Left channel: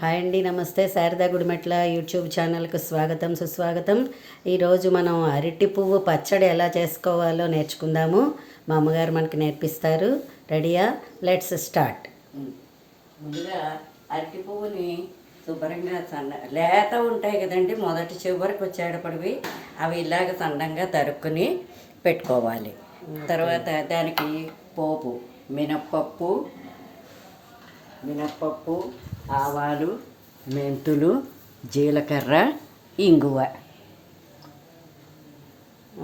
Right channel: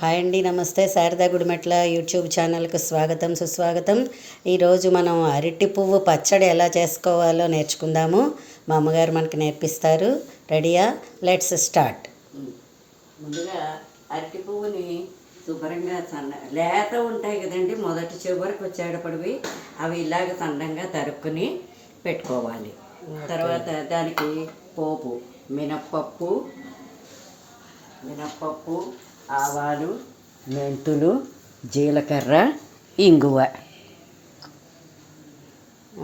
Hi అండి, నమస్తే. Sharada Gudimetla YouTube ఛానల్కి స్వాగతం, సుస్వాగతం. ఈరోజు మనం అరటి పువ్వు పచ్చడి ఎలా చేసుకోవాలో నేర్చుకుందాము. మా అమ్మగారు మనకి నేర్పిస్తారు. రెడీయా? Let's start. ముందుగా అరటి పువ్వుని శుభ్రంగా లేత ఉంటాయి కదండి, మొదటి చివరికి వచ్చేటప్పటివి అవి ఇలాగ సన్నంగా తరుక్కుని పెట్టుకోవాలి. తర్వాత దానికి పోపు మినప్పప్పు, ఆవాలు, మెంతులు, జీలకర్ర, ఇంగువ,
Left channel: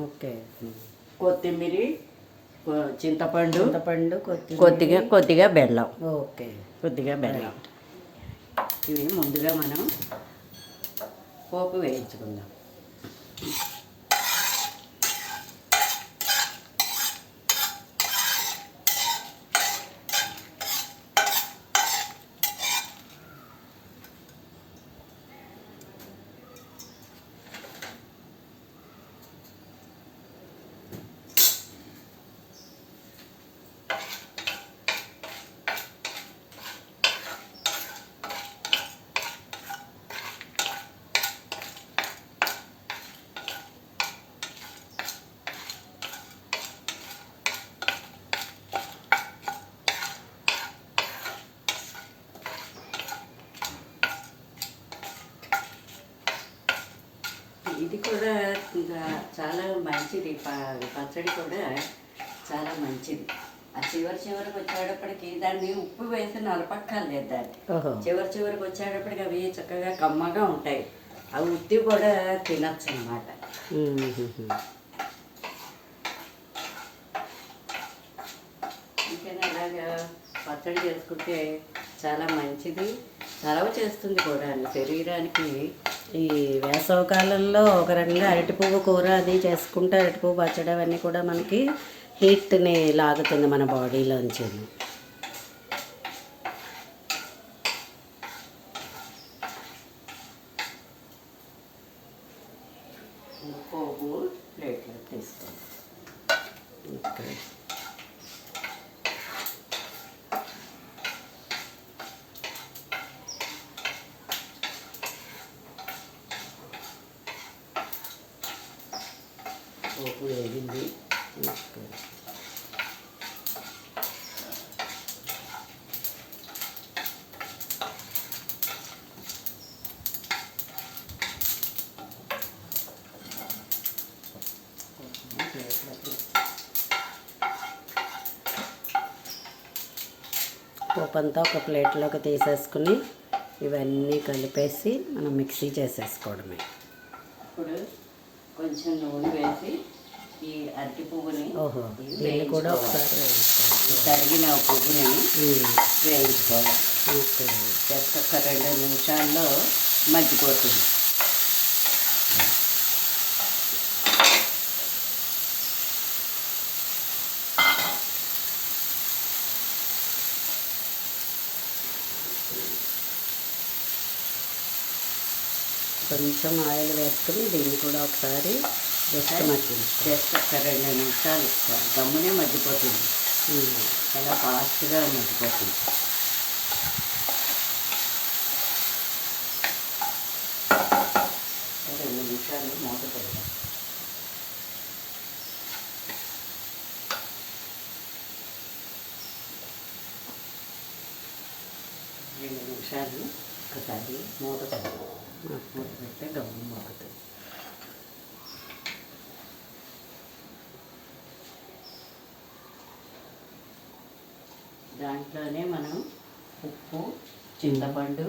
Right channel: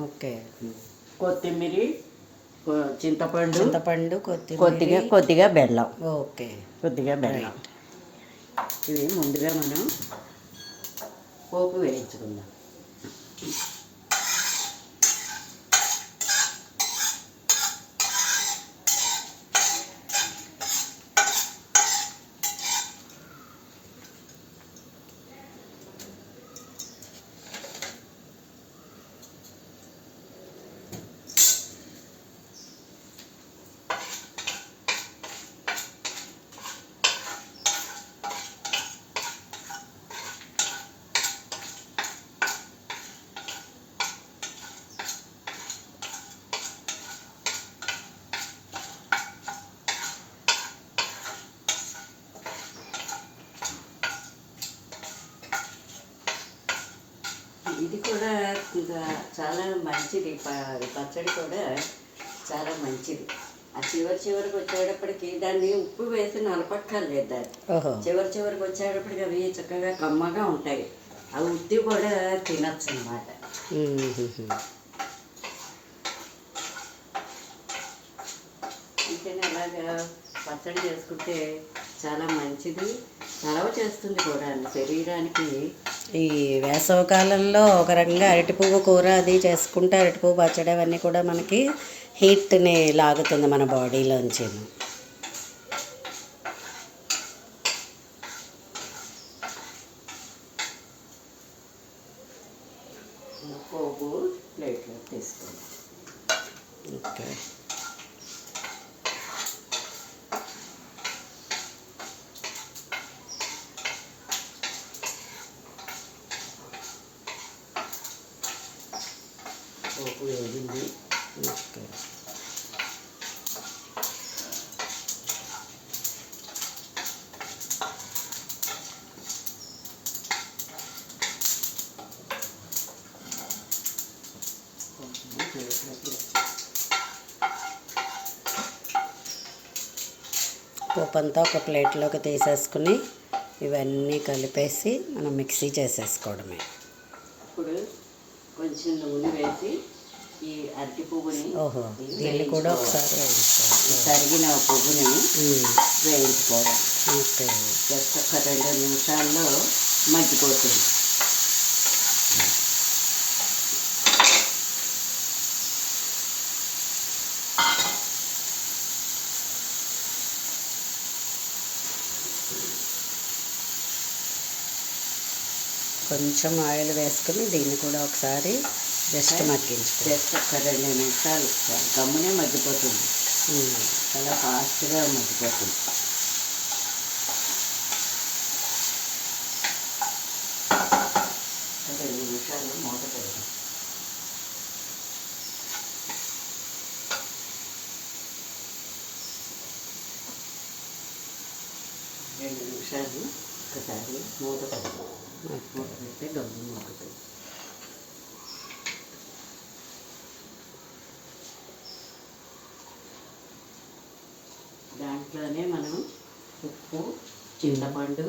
ఓకే, కొత్తిమీర, చింతపండు, కొద్దిగా బెల్లం. ఓకే, కొద్దిగా బెల్లం. ఇవి ముందుగా మనం పోపు వేయించుకుందాం. ఇది కూడా చాలా మంచిది, పచ్చడి కూడా చాలా మంచిది. ఆ చివరికి వచ్చేటప్పటికి దాన్ని ఉప్పు వేసి నలపక్కర్లేదు. దాన్ని చివరికి వచ్చేటప్పటికి అవి చక్కగా కమ్మగా ఉంటాయి. అవి ఉత్తి కూడా తినచ్చు అన్నమాట. ఇంకైనా అలాగా పచ్చడి చేసుకుంటే చాలా మంచిది, చలవ చేస్తుంది కూడా శరీరానికి. ఈ వేసవకాలంలో ఒక రకంగా అరటి పువ్వు కూర అది చేసుకుంటే అరటి పువ్వు పచ్చడి అవన్నీ కూడా మనకి హీట్ని లాగుతుంది మన బాడీలోంచి. పోపు ప్లేట్లో తీసుకోండి. ఓకే, పోపు వేగింది. ఓకే, పోపు అంతా ఒక ప్లేట్లోకి తీసేసుకుని ఇవన్నీ కలిపేసి మనం మిక్సీ చేసేసుకోవడమే. ఇప్పుడు కొంచెం నూనె వేసి ఈ అరటి పువ్వుని దీన్ని కూడా ఒకసారి వేయించుకోవాలి. తరిగిన పువ్వుని వేయించుకోవాలి. ఓకే, జస్ట్ ఒక 2 నిమిషాల్లో మగ్గిపోతుంది. కొంచెం ఆయిల్ వేసుకుని దీన్ని కూడా ఒకసారి జస్ట్ మగ్గించుకోవాలి. జస్ట్ ఒక 2 నిమిషాలు గమ్మునే మగ్గిపోతుంది. చాలా ఫాస్ట్గా మగ్గిపోతుంది. 2 నిమిషాలు మూత పెడదాం. 2 నిమిషాలు ఒకసారి మూత పెడదాం. మూత పెడితే గమ్ము మగ్గుతుంది. దాంట్లోనే మనం ఉప్పు, చింతపండు,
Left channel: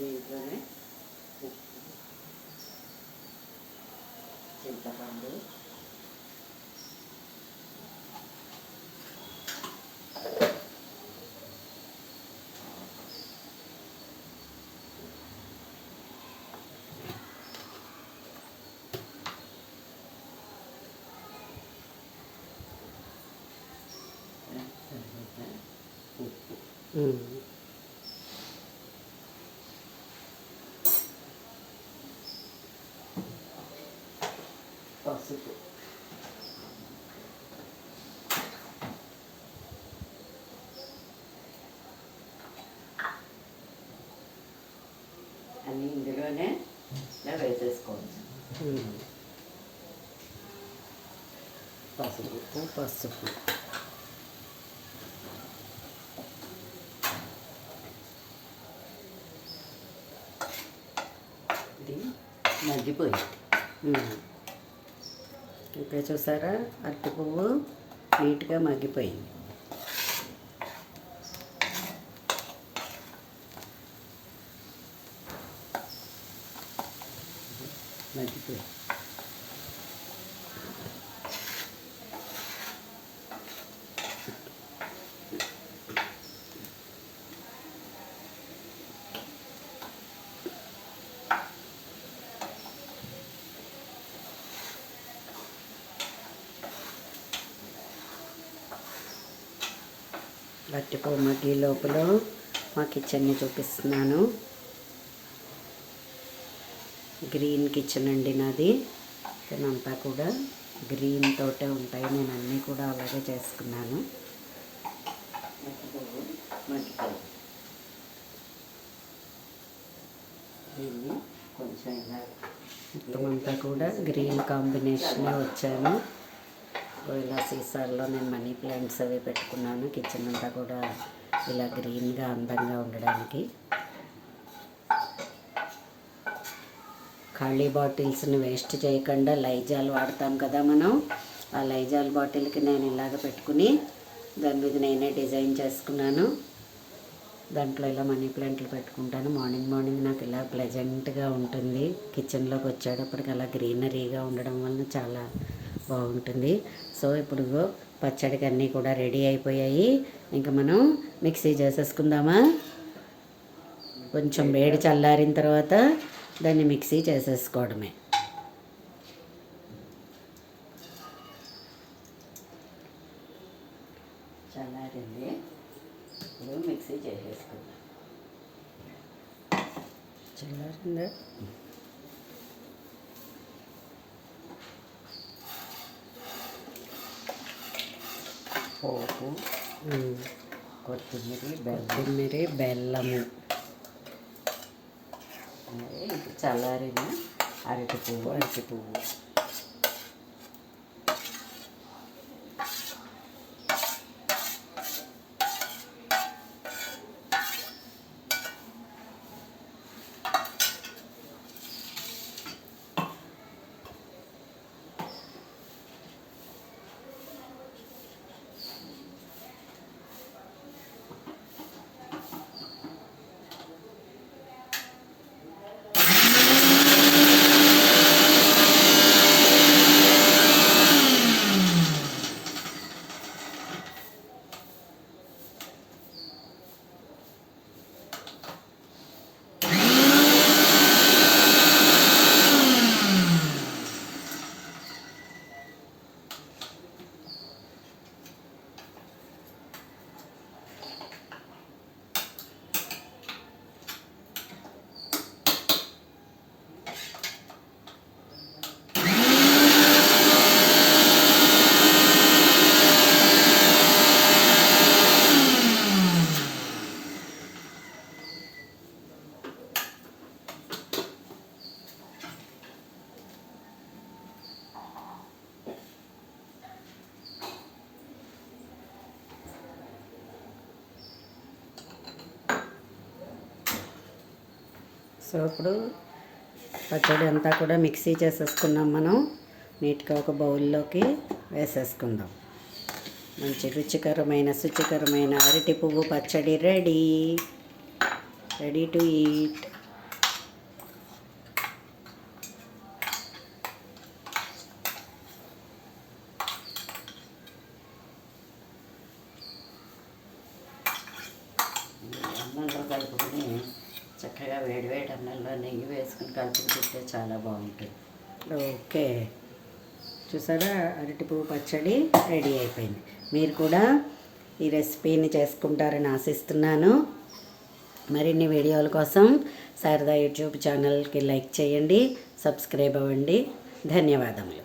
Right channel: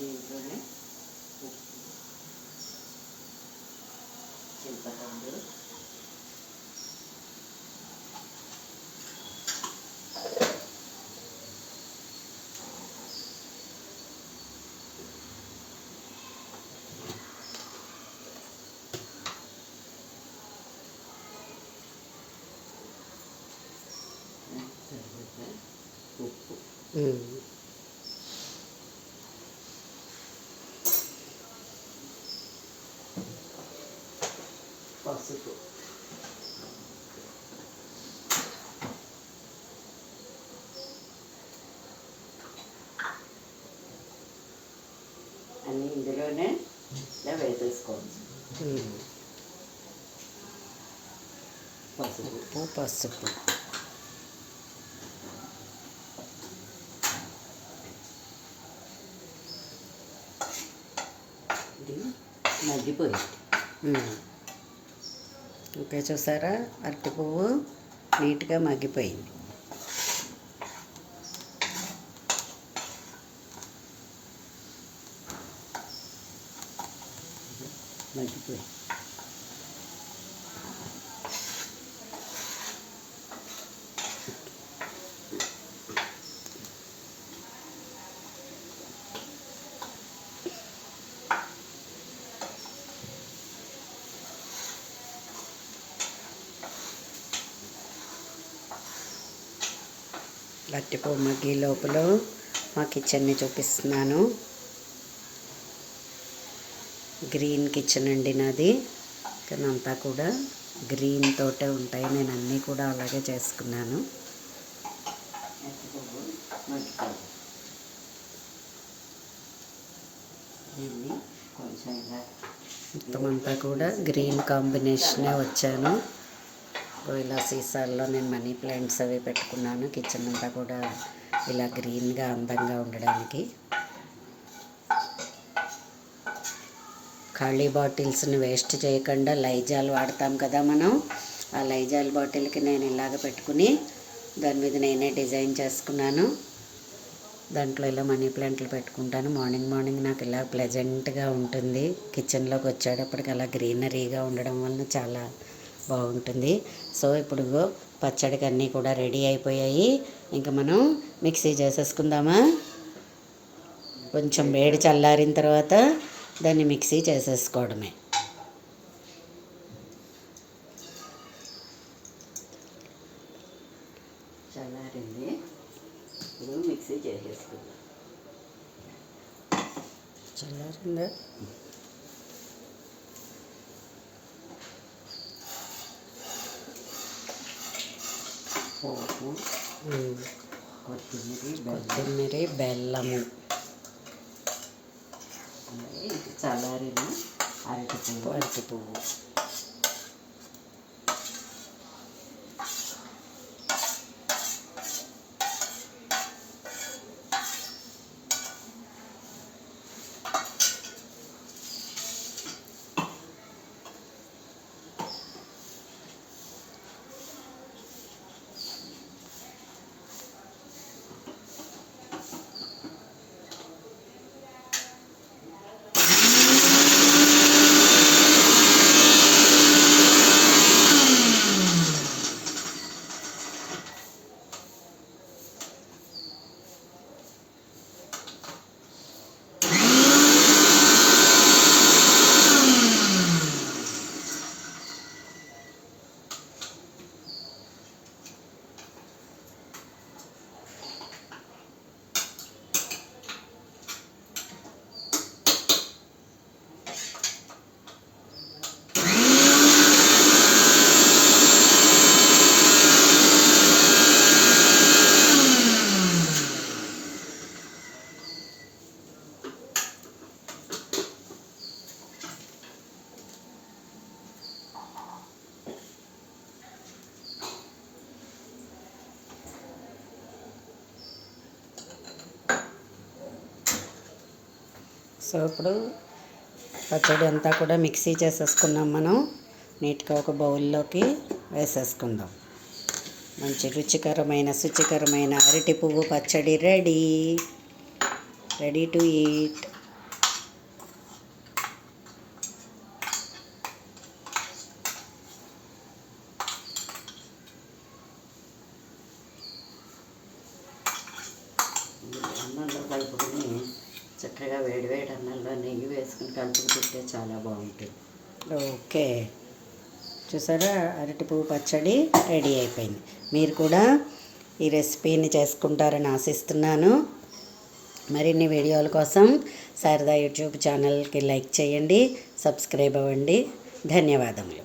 దీంట్లోనే ఉప్పు, చింతపండు, పసుపు, అన్నీ ఇందులోనే ఇలా వేసేసుకోవచ్చు. పసుపు, పసుపు, ఇది మగ్గిపోయింది. ఇంకా చూసారా అరటి పువ్వు నీట్గా మగ్గిపోయింది. మగ్గిపోయింది. అరటి పువ్వు మగ్గి లోపల మా కిచెన్ని చూపిస్తున్నాను. గ్రీన్ కిచెన్ అండి నాది. అంతా కూడా గ్రీన్ తోటే ఉంటాయి. నేను అన్నీ కూడా అలాగే చేసుకున్నాను. దీన్ని కొంచెం ఇలా మొత్తం అంతా కూడా గ్రీన్ కాంబినేషనే వచ్చాను. ఇలా సీసాల్లో నేను మనీ ప్లాంట్స్ అవి పెట్టుకున్నాను. కిచెన్ అంతా కూడా ఇలా గ్రీన్గా అందంగా ఉండడానికి. ఖాళీ బాటిల్స్ని వేస్ట్ చేయకుండా లైజాల్ వాడతాం కదా మనం. ఆ లైజాల్ బాటిల్కి నేను ఇలాగ పెట్టుకుని దాని మీద నేనే డిజైన్ చేసుకున్నాను. దాంట్లో ఇలా మనీ ప్లాంట్లు పెట్టుకుంటాను. మార్నింగ్ నాకు ఇలా ప్లెజెంట్గా ఉంటుంది. కిచెన్లోకి వచ్చేటప్పటికి అలా గ్రీనరీగా ఉండడం వలన చాలా బాగుంటుంది. సో ఇప్పుడు పచ్చడికి అన్నీ కూడా రెడీ అయిపోయాయి. ఇంకా మనం మిక్సీ చేసేసుకుందామా. కొంచెం వేడి చల్లారిన తర్వాత దాన్ని మిక్సీ చేసేసుకోవడమే. చల్లారింది, ఇప్పుడు మిక్సీ చేసేసుకుందాం. చల్లారిందా? పోపు, కొత్తిమీర, బెల్లము, ఇది చల్లారిన అరటి పువ్వు. సో ఇప్పుడు పచ్చడి అంతా కూడా మిక్సీ చేసేసుకున్నాం. మనం నీట్గా ఒక బౌల్లోకి వేసేసుకుందాం. మంచి శుచికరమైన అరటి పువ్వు పచ్చడి రెడీ టు ఈట్. అన్నంలో కలుపుకొని చక్కగా వేడివేడి అన్నంలో నెయ్యి వేసుకుని కలుపుకుంటే చాలా బాగుంటుంది. ఓకే, చూసారా అరటి పువ్వు పచ్చడి రెడీ అయిపోయింది. మీరు కూడా ఈ రెసిపీని చేసుకుంటారని ఆశిస్తున్నాను. మరిన్ని వీడియోల కోసం శారదా యూట్యూబ్ ఛానల్కి లైక్ చేయండి, సబ్స్క్రైబ్ అవ్వండి. ధన్యవాదములు.